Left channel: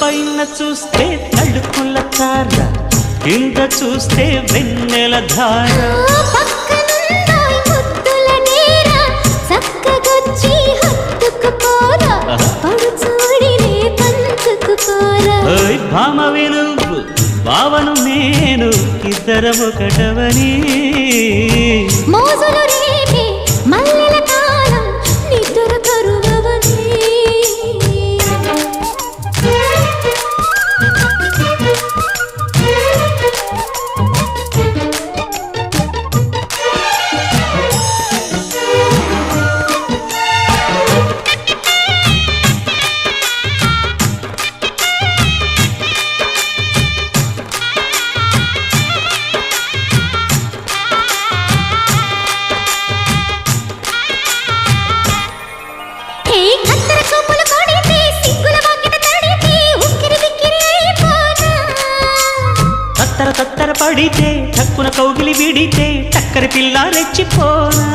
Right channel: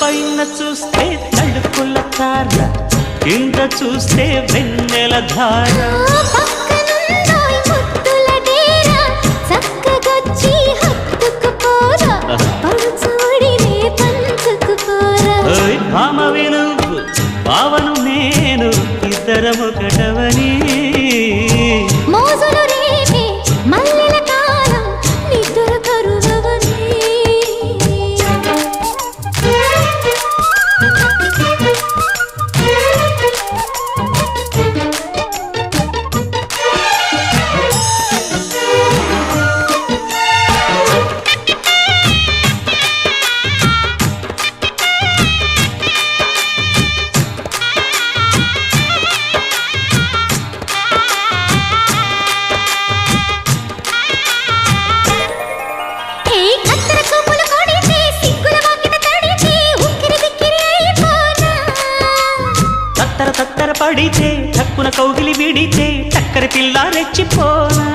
పైన చూస్తే తడుకుల తార, కింద చూస్తే వెన్నెల ధార. పక్కనుందోయ్ ముద్దుల డేరా, చక్కగొచ్చి హత్తుకుపోరా, పడుచూడినే పంచుకుపోరా. భామ విలువు భావను నేను, ఇద్దరమొకటవని. మోజులు రేపే మల్లెల కాలం, నిద్ర కరువవని. తత్తర తత్తర పడితే, తక్కున కౌగిలి విడితే, చక్కరి పిల్ల రెచ్చిపోనా.